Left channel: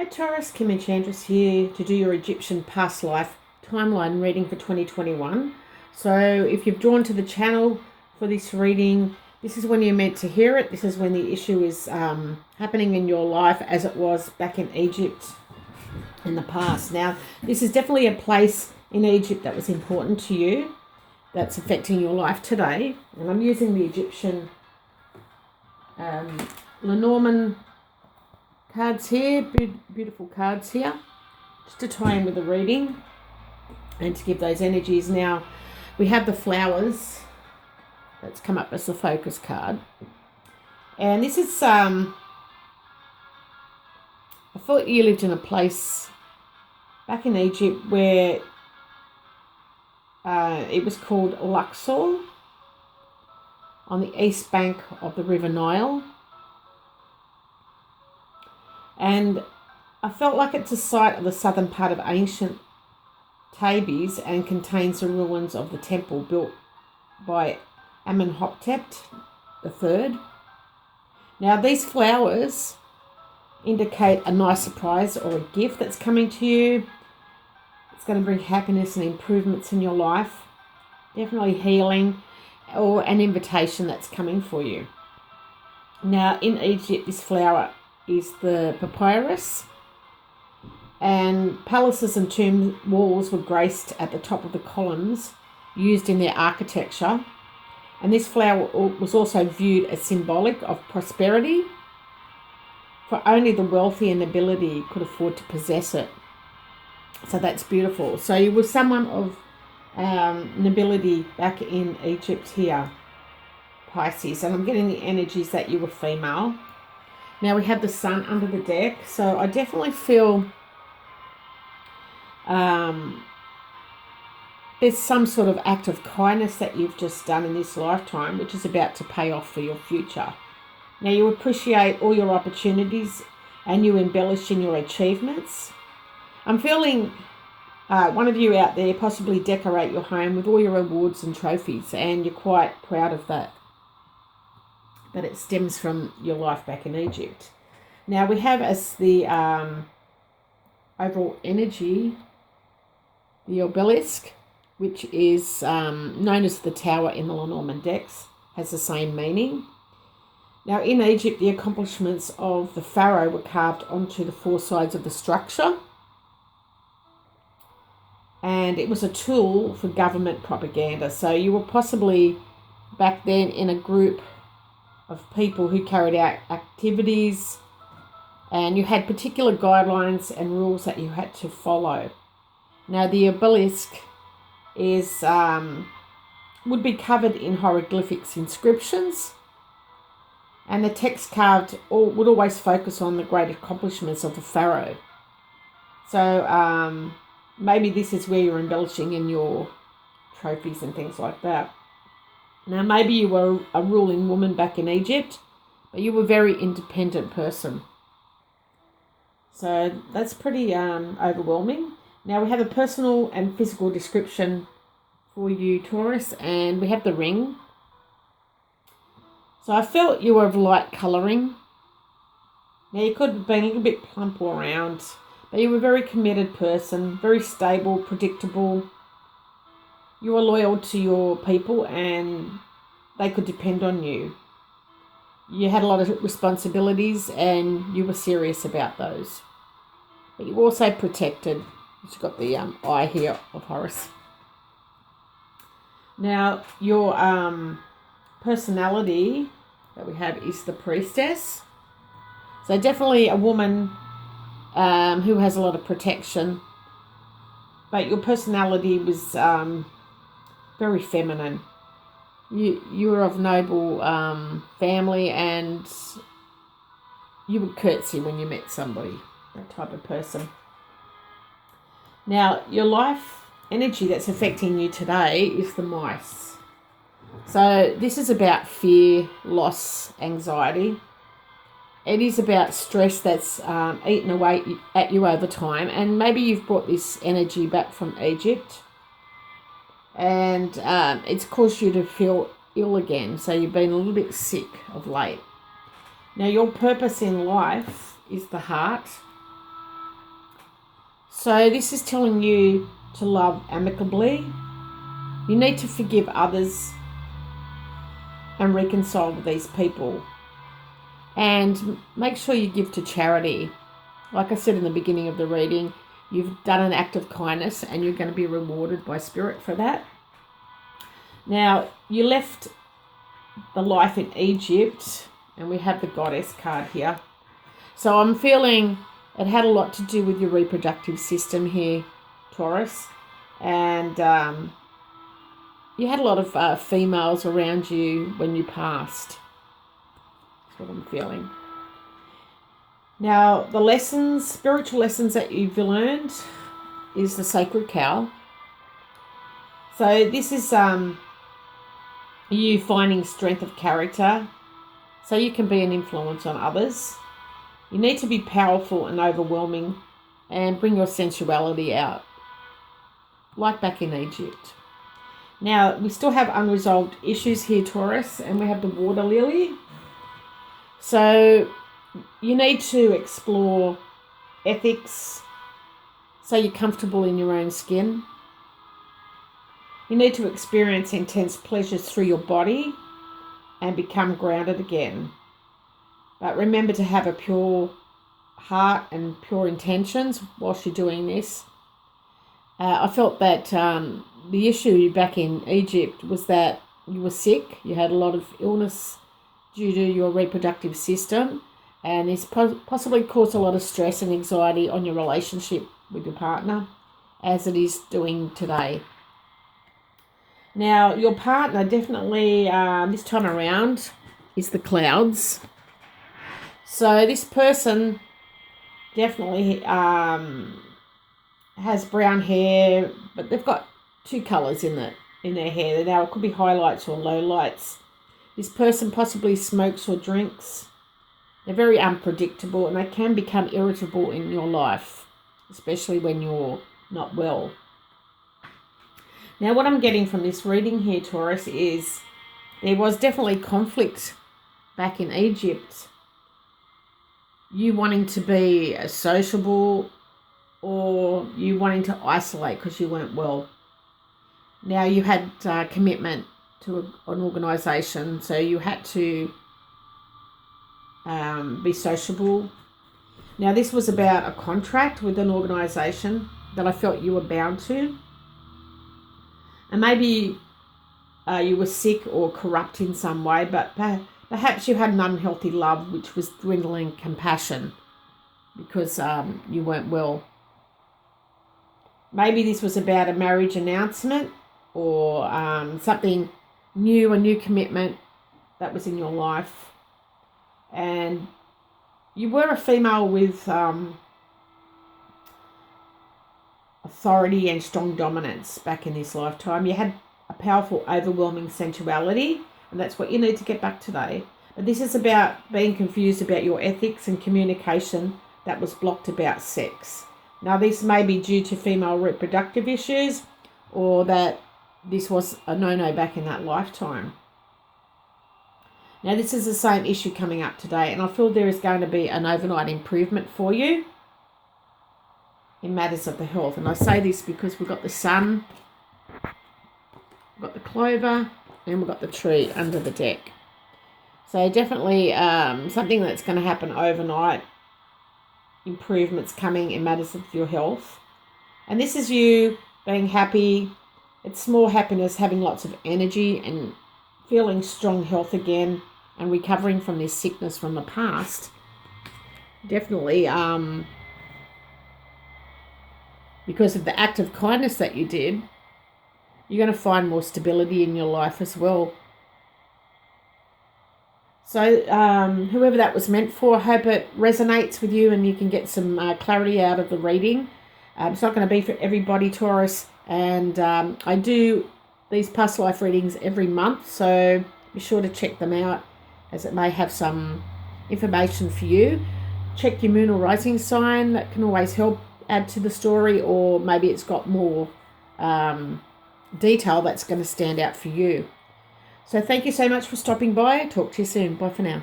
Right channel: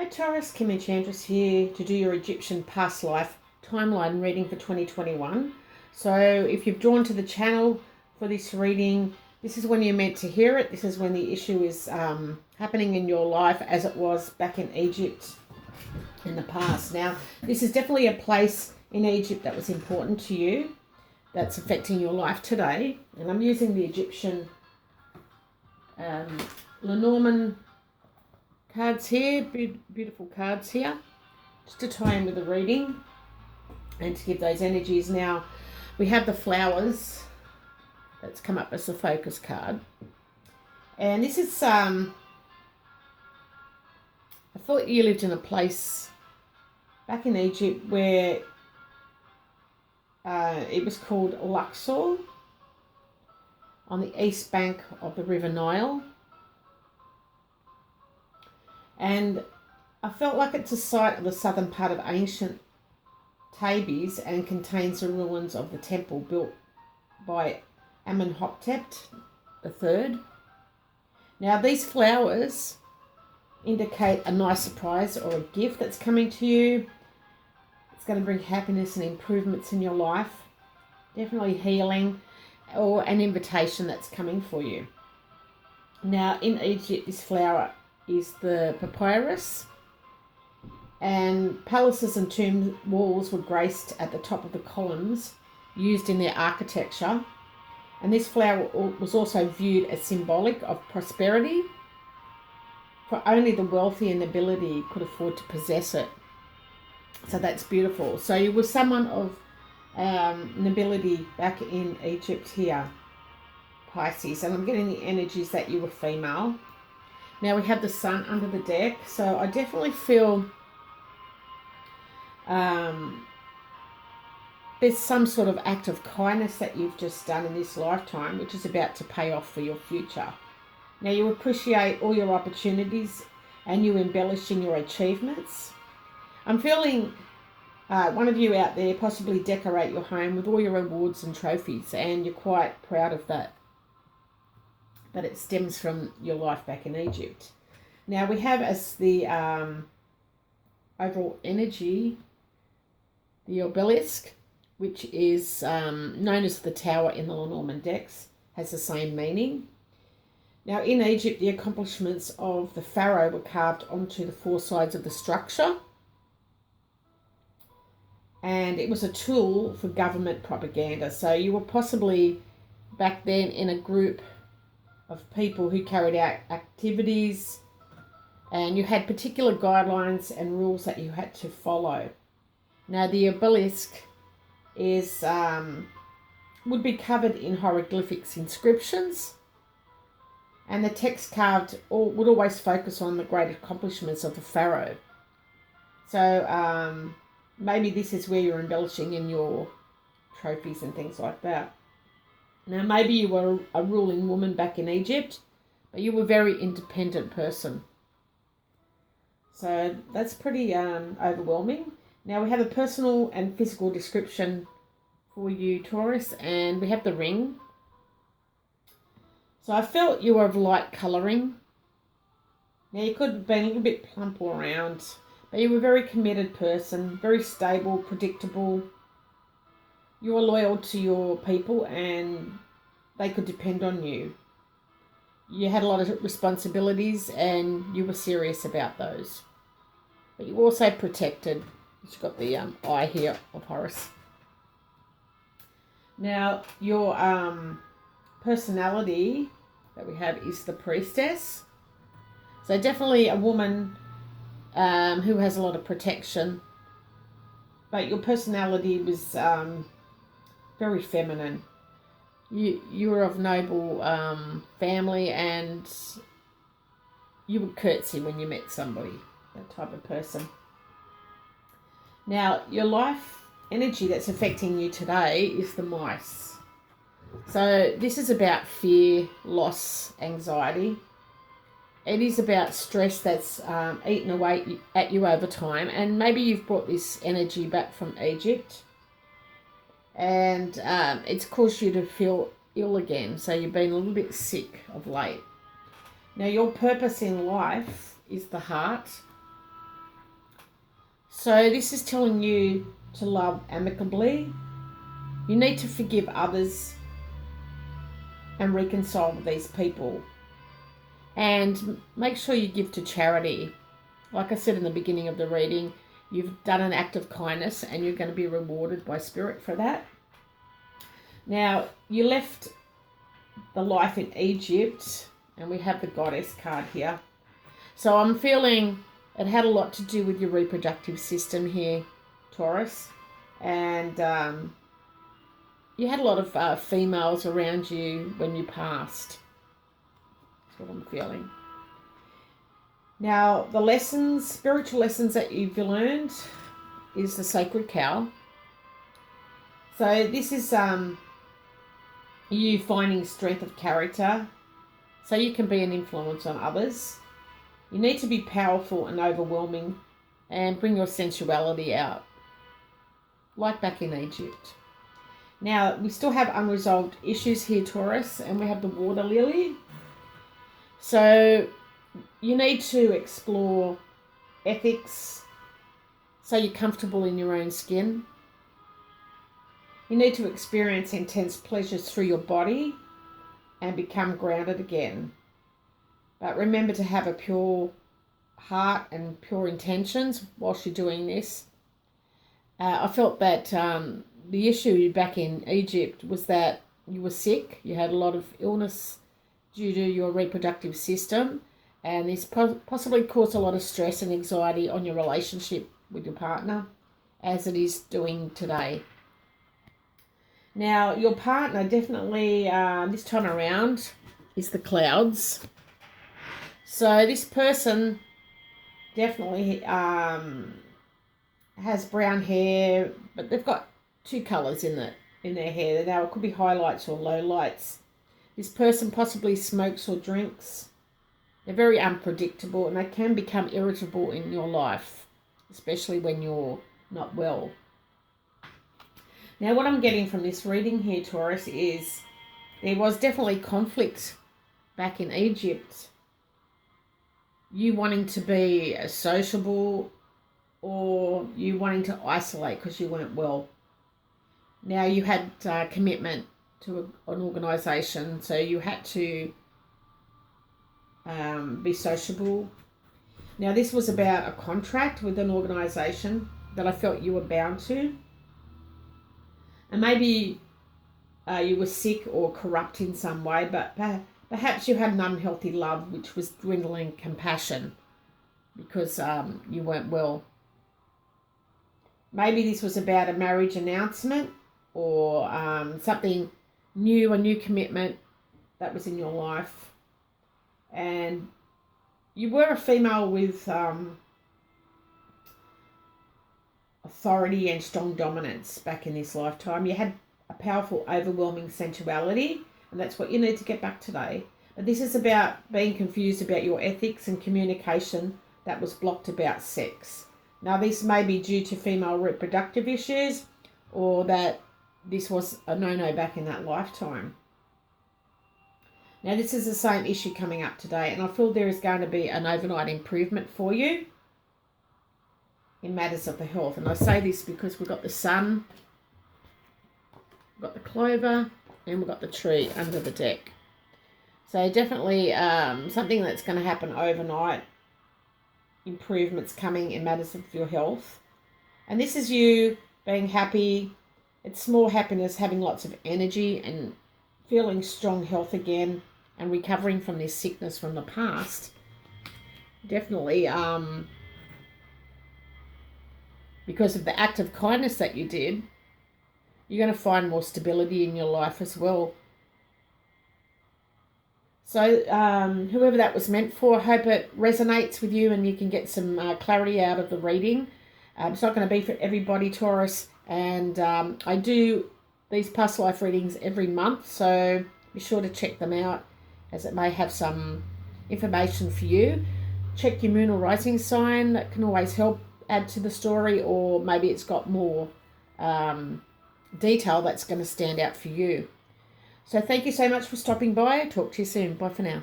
Hi Taurus, Kim Enchantress here to do your Egyptian past life timeline reading for 2021. So if you've drawn to the channel for this reading, this is when you're meant to hear it. This is when the issue is happening in your life as it was back in Egypt in the past. Now, this is definitely a place in Egypt that was important to you, that's affecting your life today. And I'm using the Egyptian Lenormand cards here, beautiful cards here, just to tie in with the reading and to give those energies. Now, we have the flowers that's come up as the focus card. And this is, I thought you lived in a place back in Egypt where it was called Luxor, on the east bank of the River Nile. And I felt like it's a site of the southern part of ancient Thebes and contains the ruins of the temple built by Amenhotep III. Now, these flowers indicate a nice surprise or a gift that's coming to you. It's going to bring happiness and improvements in your life. Definitely healing or an invitation that's coming for you. Now, in Egypt, this flower is the papyrus, and palaces and tomb walls were graced at the top of the columns used in their architecture. And this flower was also viewed as symbolic of prosperity, for only the wealthy and nobility could afford to possess it. So that's beautiful. So you were someone of nobility back in Egypt here, Pisces, and I'm getting the energies that you were female. Now we have the sun under the deck, so I definitely feel there's some sort of act of kindness that you've just done in this lifetime, which is about to pay off for your future. Now you appreciate all your opportunities and you embellish in your achievements. I'm feeling one of you out there possibly decorate your home with all your awards and trophies, and you're quite proud of that it stems from your life back in Egypt. Now we have as the overall energy, the obelisk, which is known as the tower in the Lenormand decks, has the same meaning. Now in Egypt, the accomplishments of the pharaoh were carved onto the four sides of the structure, and it was a tool for government propaganda. So you were possibly back then in a group of people who carried out activities, and you had particular guidelines and rules that you had to follow. Now the obelisk is would be covered in hieroglyphics inscriptions, and the text carved would always focus on the great accomplishments of the pharaoh. So maybe this is where you're embellishing in your trophies and things like that. Now, maybe you were a ruling woman back in Egypt, but you were a very independent person. So that's pretty overwhelming. Now, we have a personal and physical description for you, Taurus, and we have the ring. So I felt you were of light colouring. Now, you could have been a little bit plump or round, but you were a very committed person, very stable, predictable. You were loyal to your people and they could depend on you. You had a lot of responsibilities and you were serious about those. But you were also protected. You've got the eye here of Horus. Now, your personality that we have is the priestess. So definitely a woman who has a lot of protection. But your personality was very feminine. You were of noble family, and you would curtsy when you met somebody, that type of person. Now, your life energy that's affecting you today is the mice. So this is about fear, loss, anxiety. It is about stress that's eaten away at you over time, and maybe you've brought this energy back from Egypt, and it's caused you to feel ill again. So you've been a little bit sick of late. Now, your purpose in life is the heart, So this is telling you to love amicably. You need to forgive others and reconcile with these people. And make sure you give to charity. Like I said in the beginning of the reading, you've done an act of kindness and you're going to be rewarded by Spirit for that. Now, you left the life in Egypt, and we have the Goddess card here. So I'm feeling it had a lot to do with your reproductive system here, Taurus. And you had a lot of females around you when you passed. That's what I'm feeling. Now, the lessons, spiritual lessons that you've learned is the sacred cow. So this is you finding strength of character so you can be an influence on others. You need to be powerful and overwhelming and bring your sensuality out, like back in Egypt. Now, we still have unresolved issues here, Taurus, and we have the water lily. So you need to explore ethics so you're comfortable in your own skin. You need to experience intense pleasures through your body and become grounded again. But remember to have a pure heart and pure intentions whilst you're doing this. I felt that the issue back in Egypt was that you were sick. You had a lot of illness due to your reproductive system. And this possibly caused a lot of stress and anxiety on your relationship with your partner, as it is doing today. Now, your partner definitely, this time around, is the clouds. So this person definitely has brown hair, but they've got two colours in their hair. Now, it could be highlights or lowlights. This person possibly smokes or drinks. They're very unpredictable and they can become irritable in your life, especially when you're not well. Now, what I'm getting from this reading here, Taurus, is there was definitely conflict back in Egypt. You wanting to be sociable or you wanting to isolate because you weren't well. Now, you had commitment to an organisation, so you had to be sociable. Now, this was about a contract with an organisation that I felt you were bound to. And maybe you were sick or corrupt in some way, but perhaps you had an unhealthy love which was dwindling compassion because you weren't well. Maybe this was about a marriage announcement or something new, a new commitment that was in your life. And you were a female with authority and strong dominance back in this lifetime. You had a powerful, overwhelming sensuality, and that's what you need to get back today. But this is about being confused about your ethics and communication that was blocked about sex. Now, this may be due to female reproductive issues or that this was a no-no back in that lifetime. Now, this is the same issue coming up today, and I feel there is going to be an overnight improvement for you in matters of the health. And I say this because we've got the sun, we've got the clover, and we've got the tree under the deck. So definitely something that's going to happen overnight, improvements coming in matters of your health. And this is you being happy. It's more happiness, having lots of energy and feeling strong health again and recovering from this sickness from the past. Definitely because of the act of kindness that you did, you're going to find more stability in your life as well. So whoever that was meant for, I hope it resonates with you and you can get some clarity out of the reading. It's not going to be for everybody, Taurus. And I do these past life readings every month, so be sure to check them out as it may have some information for you. Check your moon or rising sign. That can always help add to the story, or maybe it's got more detail that's going to stand out for you. So thank you so much for stopping by. Talk to you soon. Bye for now.